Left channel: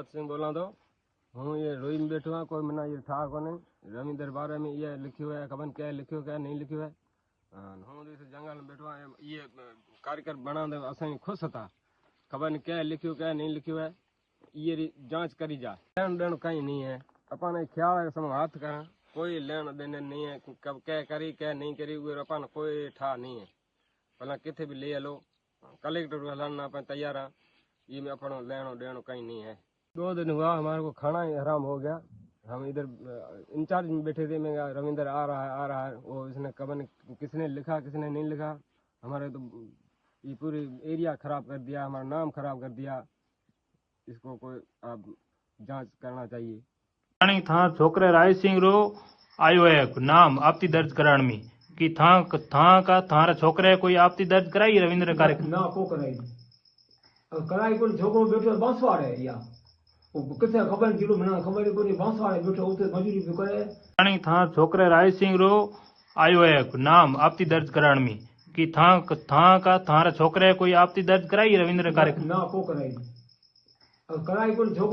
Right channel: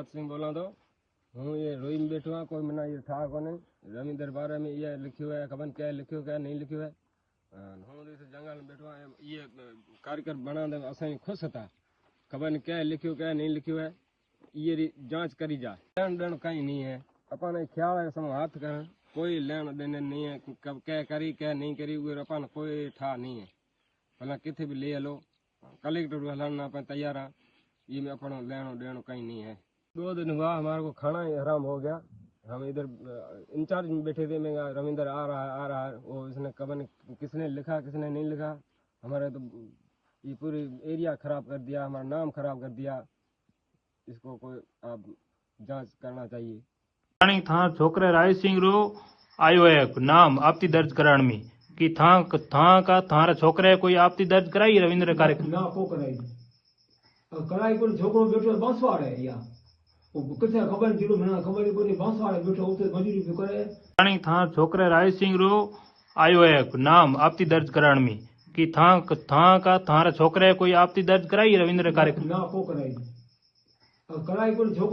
मोहम्मद सिंह बोला तो हूँ ये रोइन बैठो है कोई मना ये था को नहीं रविंद्र बारे में ये लिखियो है खबर क्या लिखियो क्या नहीं लिखियो है हूँ इस जंगल में बैठो है ये कार्यक्रम बना दे असां खुश था खबर क्या लिखियो क्या नहीं लिखियो है ये जांच करी जा लेन देन कहीं नहीं है अपन ख्याल है सम हाथ का कोई लेन देन नहीं है कब क्या करी क्या नहीं करी अपन कोई ठा नहीं है भला किथे भी ले लो कलेक्टर हलाना अपन तैयार है ये में अपन लेनो देनो कहीं नहीं है 2 दिन हुआ हमारे को खाना ही हराम हो गया हम इधर इंचार्ज में बैठे थे मैं रविंद्र आ रहा है वो इसने कबन किसने लिखा किसने नहीं लिखा हमारे तो ये पूरी एरिया खराब कर दिया हमारा नाम खराब कर दिया इसको कोई आप जांच करना चाहिए था छोकरे राय सिंह रो आयो है नाम आपती दर्ज कराने में कि था का थारा छोकरे कोई आपती दर्ज कराई रविंद्र कार्यक्रम ना को कराई कराई को छोकरो बैठो बांसवाड़ है या किथे खबर जिलो मना खबर को बांसवाड़ बैठो उते मजूरी भी करे था छोकरे राय सिंह रो आयो है नाम आपती दर्ज कराने में कि था का थारा छोकरे कोई आपती दर्ज कराई रविंद्र कार्यक्रम ना को कराई को छोकरो